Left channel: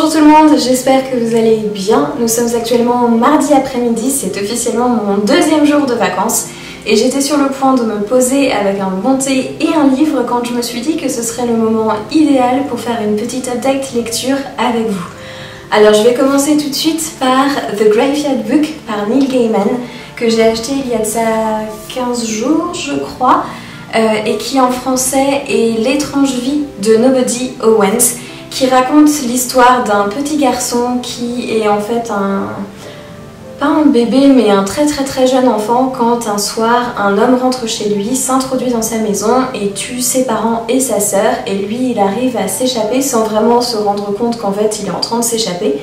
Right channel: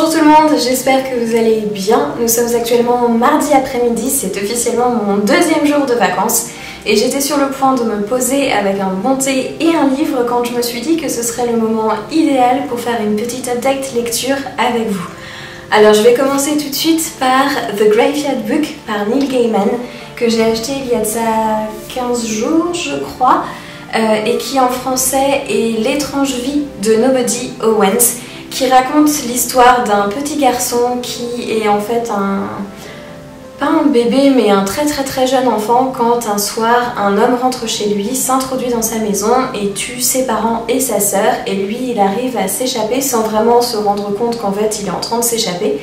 Bonjour tout le monde, j'espère que vous allez bien. Nous sommes actuellement mardi après-midi, c'est officiellement mon deuxième jour de vacances et j'étais sur le point de me poser avec un bon thé et un livre quand je me suis dit que ce serait le moment idéal pour faire une petite update lecture avec vous. Alors je vais commencer tout de suite par The Graveyard Book par Neil Gaiman que j'ai acheté il y a de ça 15 jours je crois et qui en français est L'étrange vie de Nobody Owens, qui raconte l'histoire d'un petit garçon qui est en fait pas un bébé mais un très jeune enfant quand un soir un homme rentre chez lui, s'introduit dans sa maison et tue ses parents et sa sœur, et lui il arrive à s'échapper sans vraiment se rendre compte qu'en fait il est en train de s'échapper.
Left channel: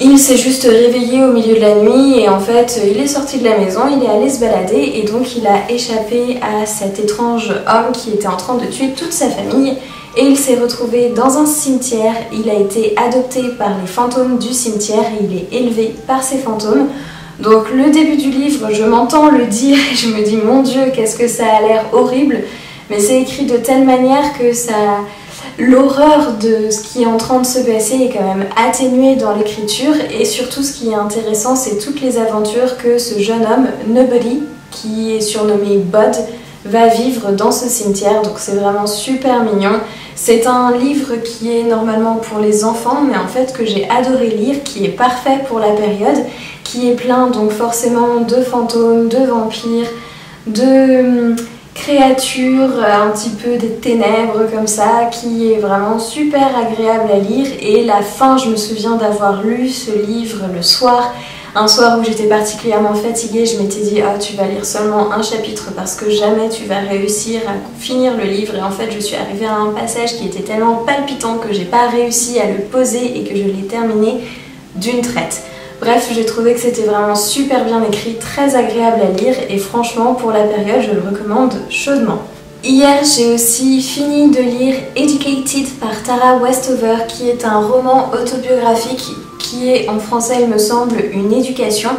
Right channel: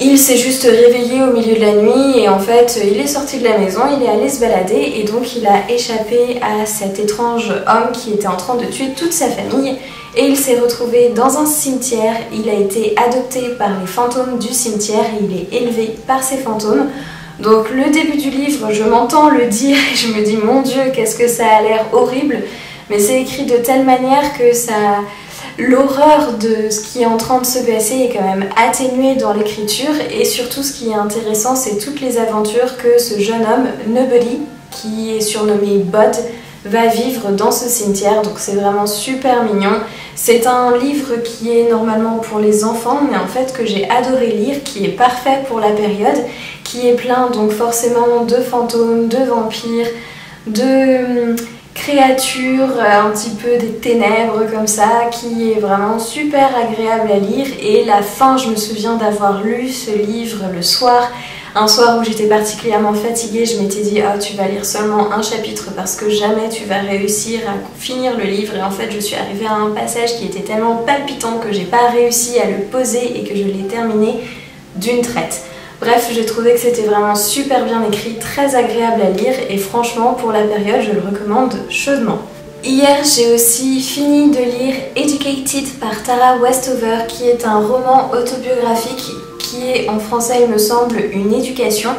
Il s'est juste réveillé au milieu de la nuit et en fait il est sorti de la maison, il est allé se balader et donc il a échappé à cet étrange homme qui était en train de tuer toute sa famille et il s'est retrouvé dans un cimetière. Il a été adopté par les fantômes du cimetière et il est élevé par ces fantômes. Donc le début du livre, je m'entends le dire et je me dis mon Dieu qu'est-ce que ça a l'air horrible, mais c'est écrit de telle manière que ça... L'horreur de ce qui est en train de se passer est quand même atténuée dans l'écriture et surtout ce qui est intéressant c'est toutes les aventures que ce jeune homme, Nobody, qui est surnommé Bud, va vivre dans ce cimetière, donc c'est vraiment super mignon. C'est un livre qui est normalement pour les enfants mais en fait que j'ai adoré lire, qui est parfait pour la période, qui est plein donc forcément de fantômes, de vampires, de... créature, un petit peu des ténèbres comme ça, qui est vraiment super agréable à lire. Et la fin, je me souviens d'avoir lu ce livre le soir, un soir où j'étais particulièrement fatiguée, je m'étais dit ah tu vas lire seulement un chapitre parce que jamais tu vas réussir à finir le livre, et en fait je suis arrivée à un passage qui était tellement palpitant que j'ai pas réussi à le poser et que je l'ai terminé d'une traite. Bref, j'ai trouvé que c'était vraiment super bien écrit, très agréable à lire et franchement pour la période je le recommande chaudement. Hier j'ai aussi fini de lire Educated par Tara Westover, qui est un roman autobiographique qui est en français il me semble une éducation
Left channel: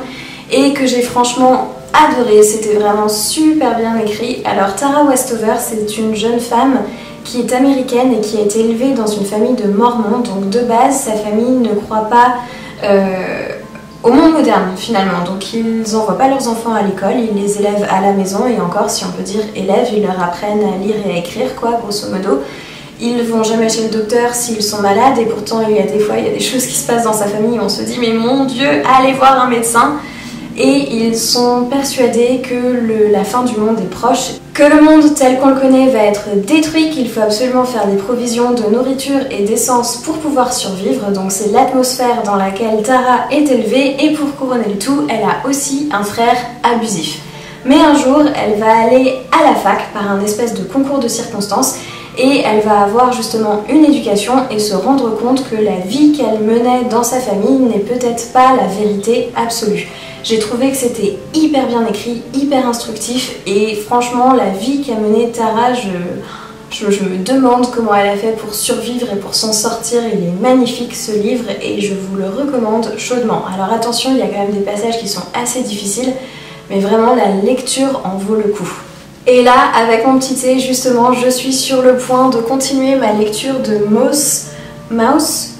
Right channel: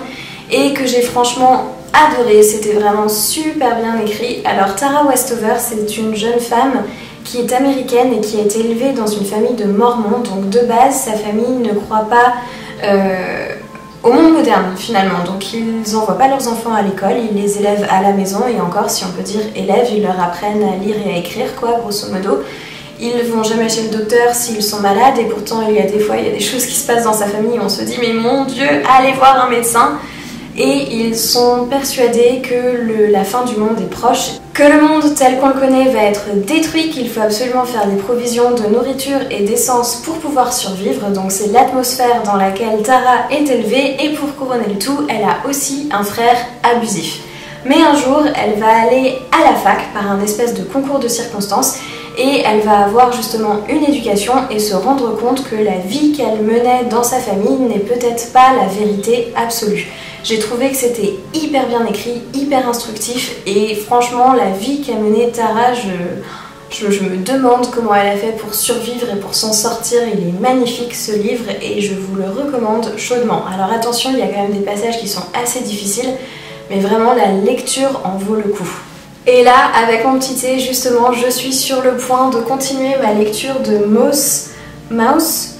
et que j'ai franchement adoré, c'était vraiment super bien écrit. Alors Tara Westover c'est une jeune femme qui est américaine et qui a été élevée dans une famille de mormons, donc de base sa famille ne croit pas au monde moderne finalement, donc ils n'envoient pas leurs enfants à l'école, ils les élèvent à la maison, et encore si on peut dire élèves, ils leur apprennent à lire et à écrire quoi grosso modo. Ils vont jamais chez le docteur s'ils sont malades et pourtant il y a des choses qui se passent dans sa famille et on se dit mais mon Dieu, allez voir un médecin. Et ils sont persuadés que la fin du monde est proche, que le monde tel qu'on le connaît va être détruit, qu'il faut absolument faire des provisions de nourriture et d'essence pour pouvoir survivre. Donc c'est l'atmosphère dans laquelle Tara est élevée, et pour couronner le tout, elle a aussi un frère abusif. Mais un jour, elle va aller à la fac par un espèce de concours de circonstances et elle va avoir justement une éducation et se rendre compte que la vie qu'elle menait dans sa famille n'est peut-être pas la vérité absolue. J'ai trouvé que c'était hyper bien écrit, hyper instructif, et franchement la vie qu'a menée Tara, je me demande comment elle a fait pour survivre et pour s'en sortir. Il est magnifique ce livre et je vous le recommande chaudement. Alors attention, il y a quand même des passages qui sont assez difficiles, mais vraiment la lecture en vaut le coup. Et là, avec mon petit thé, justement, je suis sur le point de continuer ma lecture de Mouse,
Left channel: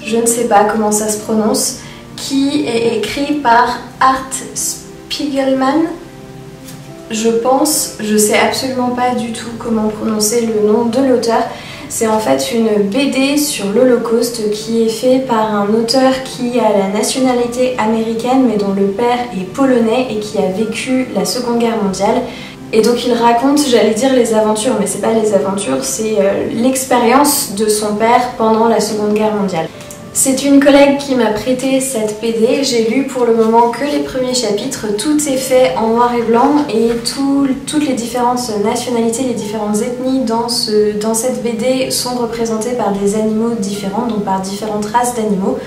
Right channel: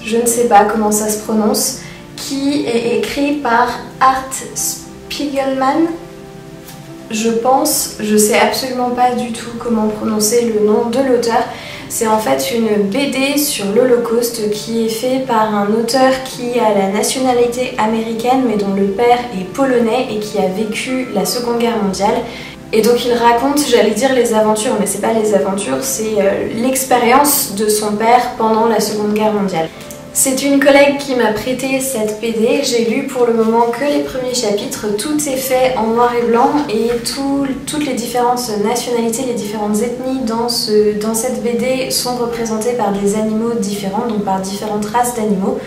je ne sais pas comment ça se prononce, qui est écrit par Art Spiegelman, je pense. Je sais absolument pas du tout comment prononcer le nom de l'auteur. C'est en fait une BD sur l'Holocauste qui est fait par un auteur qui a la nationalité américaine mais dont le père est polonais et qui a vécu la Seconde Guerre mondiale. Et donc il raconte, j'allais dire les aventures, mais c'est pas les aventures, c'est l'expérience de son père pendant la Seconde Guerre mondiale. C'est une collègue qui m'a prêté cette BD, j'ai lu pour le moment que les premiers chapitres, tout est fait en noir et blanc et toutes les différentes nationalités, les différentes ethnies dans cette BD sont représentées par des animaux différents, donc par différentes races d'animaux.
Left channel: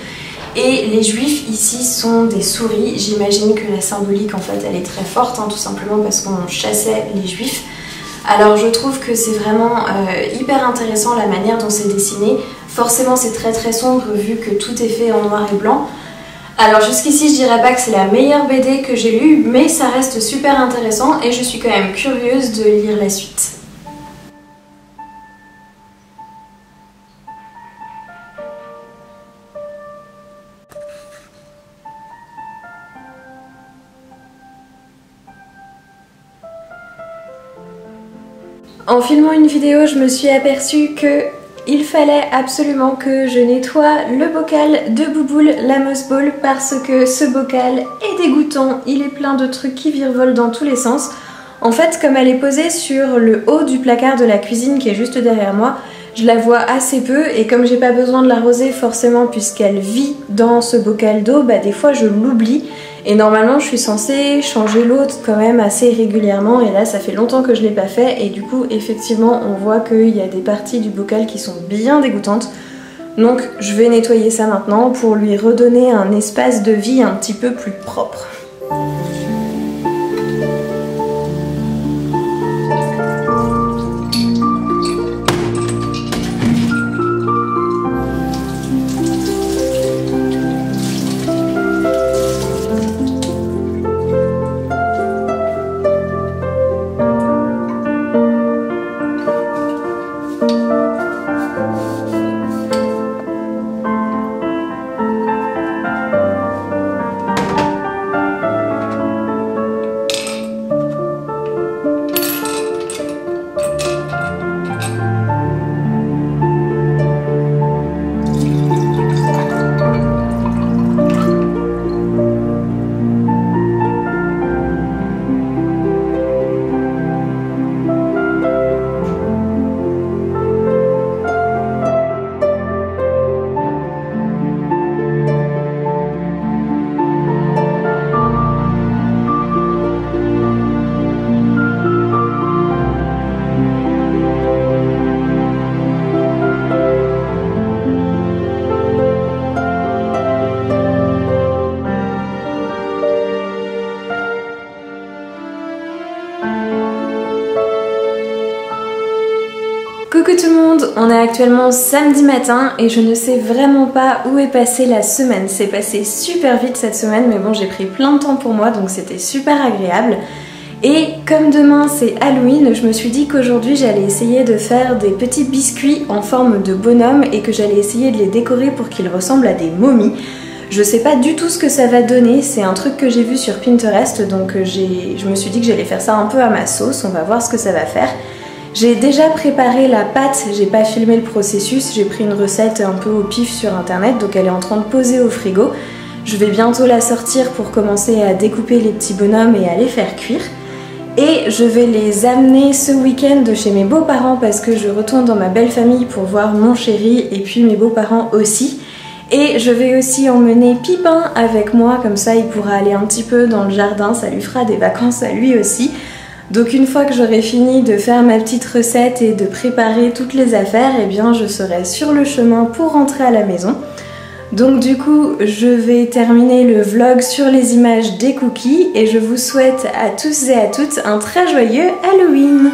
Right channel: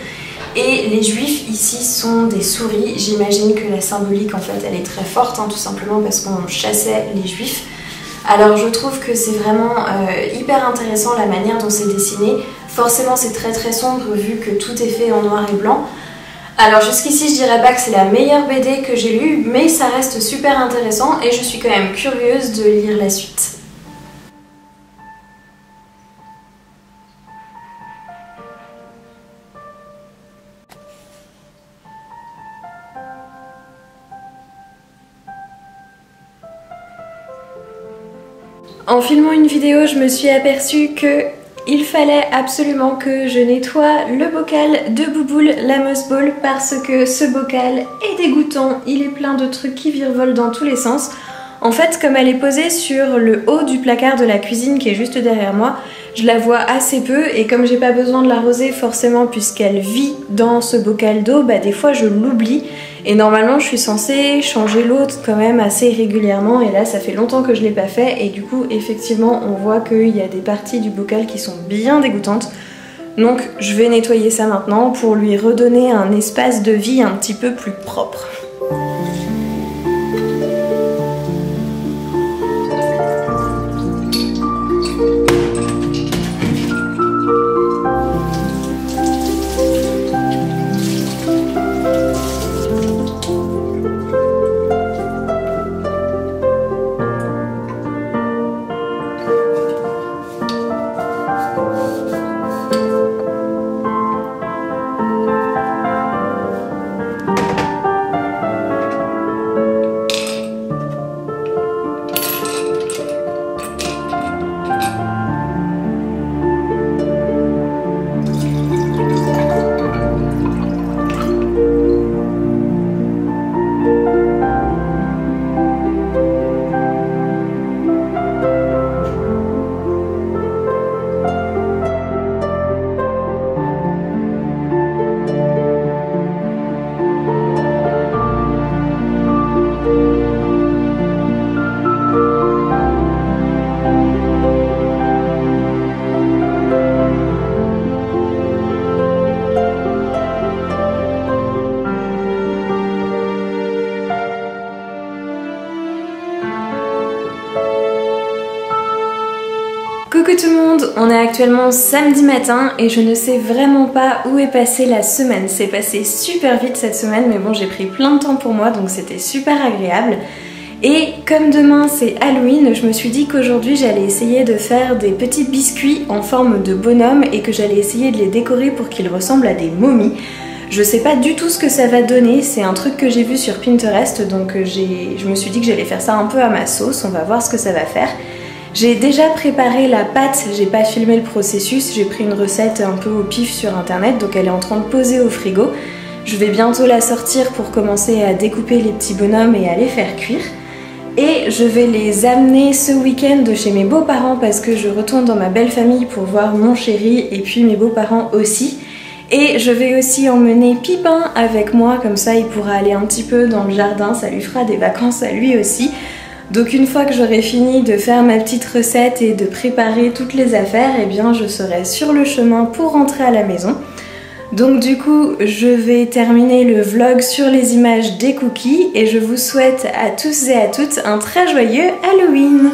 Et les juifs ici sont des souris. J'imagine que la symbolique en fait elle est très forte, tout simplement parce qu'on chassait les juifs. Alors je trouve que c'est vraiment hyper intéressant la manière dont c'est dessiné. Forcément c'est très sombre vu que tout est fait en noir et blanc. Alors jusqu'ici je dirais pas que c'est la meilleure BD que j'ai lue, mais ça reste super intéressant et je suis quand même curieuse de lire la suite. En filmant une vidéo, je me suis aperçue que il fallait absolument que je nettoie le bocal de Bouboule, la Moss Ball, parce que ce bocal est dégoûtant, il est plein de trucs qui virevolent dans tous les sens. En fait, comme elle est posée sur le haut du placard de la cuisine qui est juste derrière moi, je la vois assez peu et comme j'ai pas besoin de l'arroser forcément puisqu'elle vit dans ce bocal d'eau, bah des fois je l'oublie et normalement je suis censée changer l'eau quand même assez régulièrement et là ça fait longtemps que je l'ai pas fait et du coup effectivement on voit qu'il y a des parties du bocal qui sont bien dégoûtantes. Donc je vais nettoyer ça maintenant pour lui redonner un espace de vie un petit peu plus propre. Coucou tout le monde, on est actuellement samedi matin et je ne sais vraiment pas où est passée la semaine. C'est passé super vite cette semaine mais bon j'ai pris plein de temps pour moi donc c'était super agréable. Et comme demain c'est Halloween, je me suis dit qu'aujourd'hui j'allais essayer de faire des petits biscuits en forme de bonhomme et que j'allais essayer de les décorer pour qu'ils ressemblent à des momies. Je sais pas du tout ce que ça va donner, c'est un truc que j'ai vu sur Pinterest donc je me suis dit que j'allais faire ça un peu à ma sauce, on va voir ce que ça va faire. J'ai déjà préparé la pâte, j'ai pas filmé le processus, j'ai pris une recette un peu au pif sur internet donc elle est en train de poser au frigo. Je vais bientôt la sortir pour commencer à découper les petits bonhommes et à les faire cuire. Et je vais les amener ce week-end chez mes beaux-parents parce que je retourne dans ma belle famille pour voir mon chéri et puis mes beaux-parents aussi. Et je vais aussi emmener Pipin avec moi, comme ça il pourra aller un petit peu dans le jardin, ça lui fera des vacances à lui aussi. Donc une fois que j'aurai fini de faire ma petite recette et de préparer toutes les affaires, eh bien je serai sur le chemin pour rentrer à la maison. Donc du coup je vais terminer le vlog sur les images des cookies et je vous souhaite à tous et à toutes un très joyeux Halloween!